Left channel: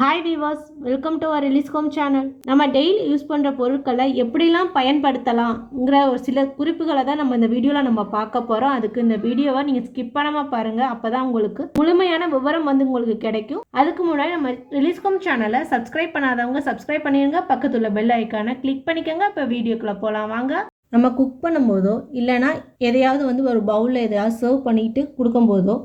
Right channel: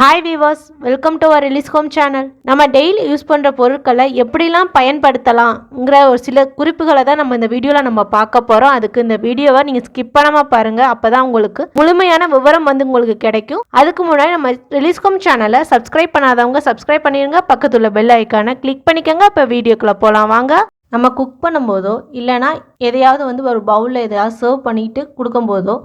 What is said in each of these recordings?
Hi viewers, welcome to our release home channel. நம்ம daily use பண்ணுற பொருட்களை எப்படிலாம் பயன்படுத்தலாம்ங்கிற ஒரு சில குறிப்புகளை தான் நம்ம இந்த வீடியோவில் நம்ம பார்க்க போகிறோம். அதுக்கு இந்த வீடியோவை நீங்கள் ஸ்கிப் பண்ணாமல் பாருங்கள். அப்போ தான் உங்களுக்கு முழுமையான விவரம் உங்களுக்கு கிடைக்கும். அதுக்கு முன்னாடி நம்ம ரிலீஸ் ஹோம் சேனலை சப்ஸ்கிரைப் பண்ணாதவங்க சப்ஸ்கிரைப் பண்ணிடுங்க. பக்கத்தில் பெல் ஐக்கானை கிளிக் பண்ணிக்கோங்க. இப்போ வீடியோக்குள்ளே போகலாம் வாங்க. நம்ம குக் பண்ணும்போதோ இல்லைனா எதையாவது ஒரு பவுலில் எதையாவது சர்வ் பண்ணிட்டு கொடுக்கும்போதோ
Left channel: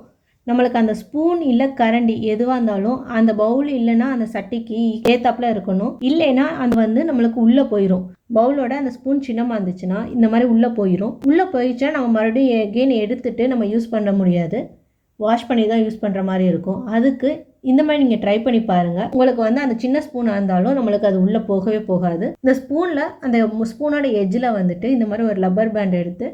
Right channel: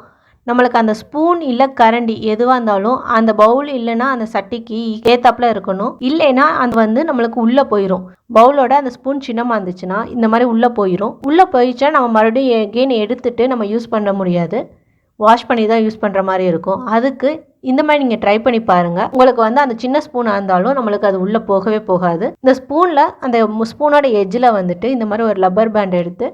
நம்மளுக்கு அந்த ஸ்பூன் இல்லை கரண்டி எதுவாக இருந்தாலும் அந்த பவுல் இல்லைன்னா அந்த சட்டிக்கு ஏத்தாப்புல இருக்கணும். இல்லைன்னா அது நம்மளுக்கு உள்ளே போயிடும். பவுலோட அந்த ஸ்பூன் சின்னமாக இருந்துச்சுன்னா இந்த மாதிரி உள்ளே போயிடும். உள்ளே போயிடுச்சா நம்ம மறுபடியும் எகெயின் எடுத்துட்டு நம்ம யூஸ் பண்ண முடியாது. வாஷ் பண்ணி தான் யூஸ் பண்ணுற மாதிரி இருக்கும். அதுக்கு இந்த மாதிரி நீங்கள் ட்ரை பண்ணி பாருங்கள். உங்களுக்கு அந்த சின்ன ஸ்பூனாக இருந்தாலும் நம்மளுக்கு அது உள்ளே போகவே போகாது. இந்த ஸ்பூனில் அந்த ஸ்பூனோட எஜ்ஜில் இந்த மாதிரி ஒரு லப்பர் பேண்ட் எடுத்து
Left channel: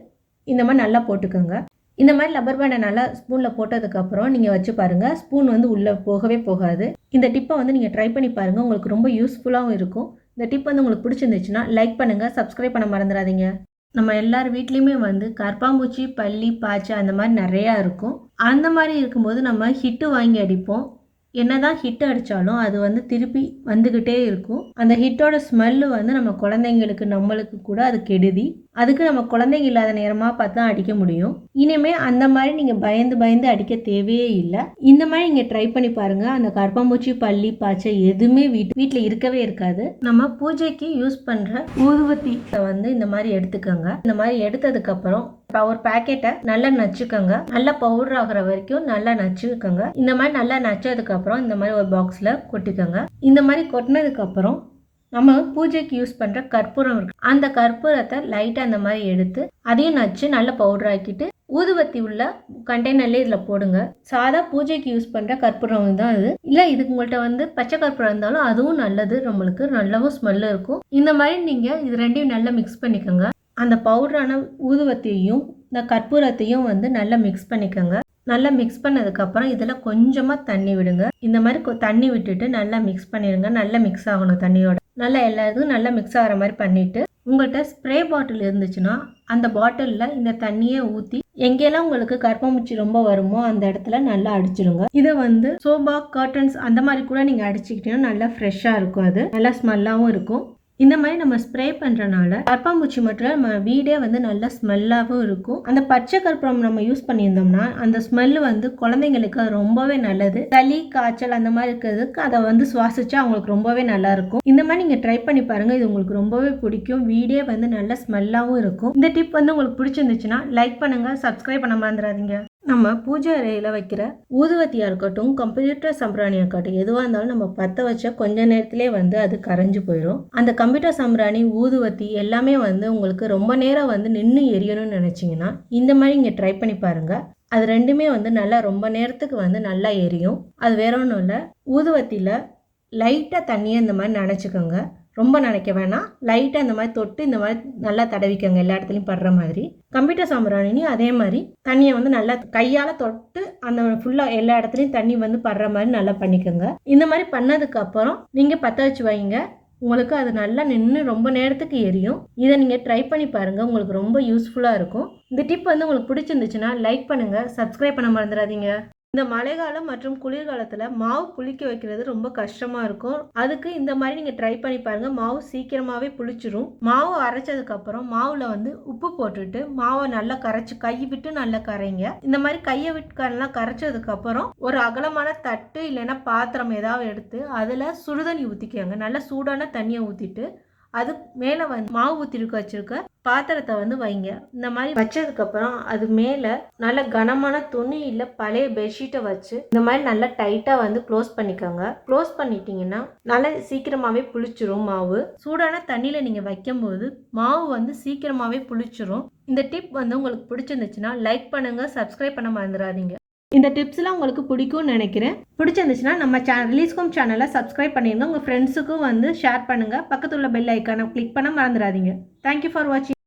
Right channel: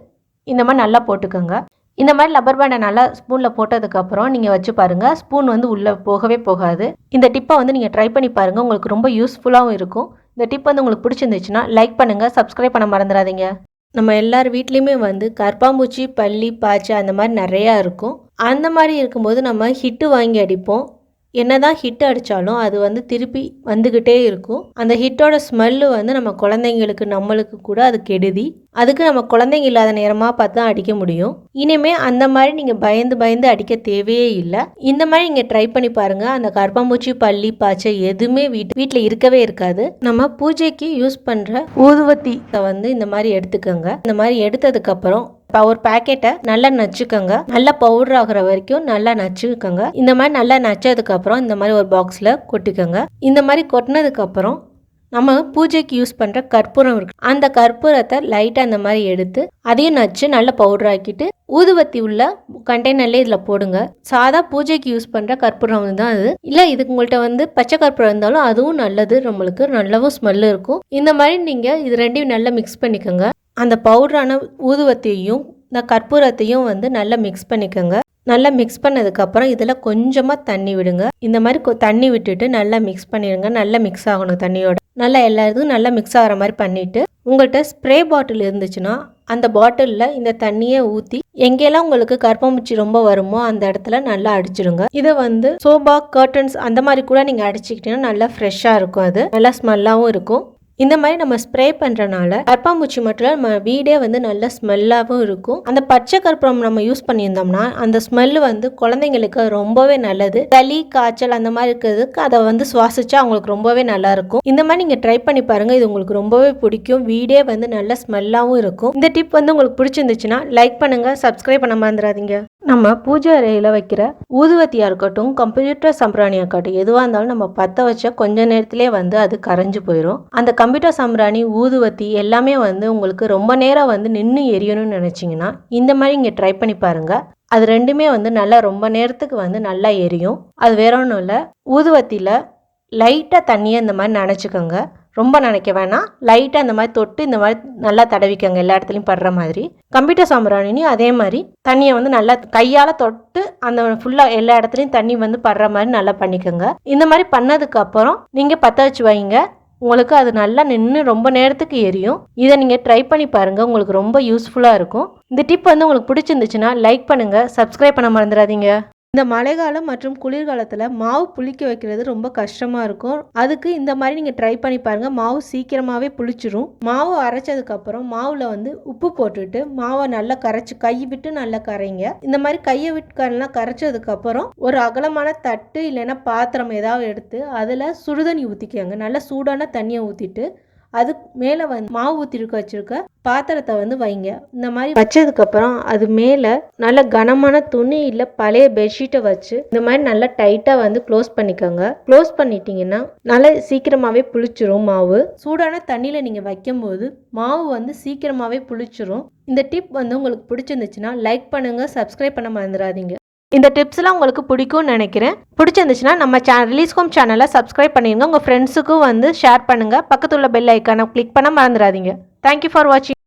இந்த மாதிரி நல்லா போட்டுக்கோங்க. இந்த மாதிரி லப்பர் பேண்டை நல்லா ஸ்பூனில் போட்டதுக்கப்புறம் நீங்கள் வச்சு பாருங்கள். ஸ்பூன் உள்ளே போகவே போகாது. இந்த டிப்பை நீங்கள் ட்ரை பண்ணி பாருங்கள். உங்களுக்கு ரொம்ப யூஸ்ஃபுல்லாகவும் இருக்கும். இந்த டிப் உங்களுக்கு பிடிச்சிருந்துச்சுன்னா லைக் பண்ணுங்கள், சப்ஸ்கிரைப் பண்ண மறந்துடாதீங்க. நம்ம எல்லார் வீட்லேயுமே கற்பாம்பூச்சி, பல்லி, பாய்ச்சி அந்த மாதிரி நிறையா இருக்கும். அந்த மாதிரி இருக்கும்போது நம்ம ஹிட்டு வாங்கி அடிப்போம். என்னதான் ஹிட் அடித்தாலும் அது திருப்பி வந்துக்கிட்டே இருக்கும். அந்த ஹிட்டோட ஸ்மெல்லு நம்ம குழந்தைங்களுக்கு நம்மளுக்கு கூட அது கெடுதி. அதுக்கு நம்ம குழந்தைங்க இல்லாத நேரமாக பார்த்து தான் அடிக்க முடியும். இனிமேல் அந்த மாதிரி நீங்கள் பயந்து அடிக்க தேவையே இல்லை. இந்த மாதிரி நீங்கள் ட்ரை பண்ணி பாருங்கள். அந்த கற்பாம்பூச்சி, பல்லி, பாய்ச்சை எதுவுமே வீட்டில் இருக்கவே இருக்காது. நம்ம பூஜைக்கு யூஸ் பண்ணுற ஊதுவத்தி இந்த மாதிரி எடுத்துக்கோங்க. இந்த மாதிரி எடுத்ததுக்கப்புறம் ஒரு பேக்கெட்டை நல்லா நச்சுக்கோங்க. நல்லா பவுடர் ஆகிற வரைக்கும் நல்லா நச்சுக்கோங்க. இந்த மாதிரி நல்லா நச்சதுக்கப்புறம் இந்த மாதிரி ஒரு பாக்ஸில் கொட்டிக்கோங்க. இந்த மாதிரி கொட்டினதுக்கப்புறம் நம்ம பூஜைக்கு யூஸ் பண்ணுற கற்பூரம் இருக்கு. அந்த கற்பூரத்தை லைட்டாக அந்த மாதிரி எடுத்து அதையும் நச்சு நல்லா பவுடர் ஆக்கிட்டு ஊதுவத்தி உள்ள கண்டெய்னர்லேயே இதில் போடுங்க. சாதா பூஜைக்கு யூஸ் பண்ணுற கற்பூரம் தான் அது. இல்லை இதுக்கு உங்கள்கிட்ட பச்சை கற்பூரம் இருந்தாலும் அதுவும் நல்லது. நம்மளுக்கு நல்லாவும் ஸ்மெல்லு இருக்கும். இந்த மாதிரி நீங்கள் இது ரெண்டையும் நல்லா மிக்ஸ் பண்ணிக்கோங்க. அந்த பவுடரான ஊதுவத்தியையும் இந்த கற்பூரத்தையும் நல்லா மிக்ஸ் பண்ணிக்கோங்க. நல்லா மிக்ஸ் பண்ணதுக்கப்புறம் இதில் கொஞ்சமாக தண்ணி விடுங்க. இந்த மாதிரி தண்ணி விட்டுட்டு நல்லா மிக்ஸ் பண்ணிடுங்க. நல்லா மிக்ஸ் ஆகணும் தண்ணியோட. நல்லா எல்லா இதுவும் நல்லா மிக்ஸ் ஆகிற மாதிரி பண்ணிவிட்டு உங்கள்கிட்ட ஸ்ப்ரே பாட்டில் இருந்துச்சுன்னா அந்த பாட்டிலில் இந்த தண்ணியை ஊற்றி எங்கெல்லாம் உங்களுக்கு கற்பம்பூச்சி ரொம்ப வருமோ அந்த இடத்துல நல்லா அடிச்சிடுங்க. இதை சோபா, கர்டன்ஸ் அந்த மாதிரி கூட நீங்கள் அடிச்சுக்கிட்டீங்கன்னா நல்லா ஃப்ரெஷ்ஷாக இருக்கும். அது நல்லா ஸ்மெல்லாகவும் இருக்கும். இந்த மாதிரி நம்ம ஸ்ப்ரே பண்ணுறனால கற்பாம்பூச்சி மட்டும் நம்ம வீடே நல்ல ஸ்மெல்லாகவும் இருக்கும். அந்த பச்சை கற்பூரம் நம்ம யூஸ் பண்ணியிருந்தோம்னா அந்த ஸ்மெல்லு குழந்தைங்களுக்கு ரொம்பவே நல்லது. சளி, காய்ச்சல் அந்த மாதிரி இருக்கிறதுக்கு அதை சுவாசிச்சா அவங்களுக்கு ரொம்பவே நல்லா இருக்கும். இந்த மாதிரி நீங்கள் ட்ரை பண்ணி பாருங்கள். இது உங்களுக்கு ரொம்பவே பிடிக்கும். வீடே நல்ல ஸ்மெல்லாகவும் இருக்கும். இந்த டிப் உங்களுக்கு பிடிச்சிருந்துச்சுன்னா லைக் பண்ணுங்கள், சப்ஸ்கிரைப் பண்ண மறந்துடாதீங்க. நம்ம பூஜை அறையில் வைக்கிற ஊதுவத்தியாக இருக்கட்டும், கம்ப்யூட்டர் சம்பிராணியாக இருக்கட்டும், எதுவாக இருந்தாலும் நம்ம பற்ற வச்சா கொஞ்ச நேரத்திலே அது கரைஞ்சு போயிடும். அந்த கம்ப்யூட்டர் சம்பிராணி, ஊதுவத்தி எல்லாமே உங்களுக்கு ரொம்ப நேரம் நின்று எரியணும்னு நினச்சிங்கன்னா இந்த மாதிரி இங்கே ட்ரை பண்ணி பாருங்கள். அது ரெண்டுமே நல்லா ரொம்ப நேரத்துக்கு நல்லா எரியும். அது வேற ஒன்றும் இல்லை. ஊதுவத்தியில் லைட்டாக தண்ணியை இந்த மாதிரி நனைச்சிக்கோங்க. ரொம்ப நினைக்க வேணாம். லைட்டாக இந்த மாதிரி தொட்டு இந்த மாதிரி நல்லா தடவிக்கோங்க, எல்லா இடத்துலையும் படுற மாதிரி. கம்ப்யூட்டர் சாம்பிராணியும் அதே மாதிரி தண்ணியை நல்லா கையால் தொட்டு அந்த ஃபுல்லாக எல்லா இடத்துலையும் தண்ணி படுற மாதிரி நல்லா பண்ணிக்கோங்க. இந்த மாதிரி பண்ணதுக்கப்புறம் நீங்கள் பற்ற வச்சு வைங்க. உங்களுக்கு அது நல்லா நின்று ரொம்ப நேரத்துக்கு எரியும். இதை நீங்கள் ட்ரை பண்ணி பாருங்கள். உங்களுக்கு ரொம்ப யூஸ்ஃபுல்லாக இருக்கும். இந்த டிப் உங்களுக்கு பிடிச்சிருந்துச்சுன்னா லைக் பண்ணுங்கள், சப்ஸ்கிரைப் பண்ண மறந்துடாதீங்க. இந்த மழைக்காலம் மற்றும் குளிர்காலத்தில் மாவு புளிக்க வைக்கிறது ரொம்ப கஷ்டமாக இருக்கும். அதுக்கு இந்த மாதிரி நீங்கள் ட்ரை பண்ணி பாருங்கள். மாவு சீக்கிரமாகவே புளிச்சிரும். மாவு அரைச்சதுக்கப்புறம் மாவில் உப்பு போட்டுட்டு மாவை நல்லா கரைச்சி கை விட்டு நல்லா கரைங்க. இந்த மாதிரி கையை விட்டு நல்லா கரைச்சதுக்கப்புறம் ஒரு அகலமான தட்டு இல்லைன்னா பாத்திரம் ஏதாவது எடுத்து அதில் சுடுதண்ணி ஊற்றிக்கோங்க. நல்லா சூடான தண்ணியை ஊற்றிட்டு அது மேலே மாவு ஊற்றிருக்க வச்சுருக்க பாத்திரத்தை வைங்க. இந்த மாதிரி வச்சதுக்கப்புறம் அது மேலே நல்ல கனமான துணி இல்லை பழைய பெட்ஷீட்டை வச்சு இந்த மாதிரி நல்லா டைட்டாக க்ளோஸ் பண்ணிக்கோங்க. க்ளோஸ் பண்ணிட்டீங்கன்னா நல்லா சீக்கிரமாகவே புளிச்சிரும். மாவு சூடான தண்ணியில் நீங்கள் வைக்கும்போது மாவு சீக்கிரமாகவே புளிச்சிரும். இந்த டிப் உங்களுக்கு பிடிச்சிருந்துச்சுன்னா லைக் பண்ணுங்கள், சப்ஸ்கிரைப் பண்ண மறந்துடாதீங்க. இந்த டிப்ஸ்லாம் உங்களுக்கு பிடிக்கும்னு நினைக்கிறேன். பிடிச்சிருந்துச்சுன்னா நம்ம ரிலீஸ் ஹோம் சேனலை சப்ஸ்கிரைப் பண்ணிடுங்க. உங்கள் ஃப்ரெண்ட்ஸுக்கும் ஷேர் பண்ணுங்கள். பக்கத்தில் உள்ள பெல் ஐக்கானை கிளிக் பண்ண மறந்துடாதீங்க. தேங்க்யூ ஃபார் வாட்சிங்.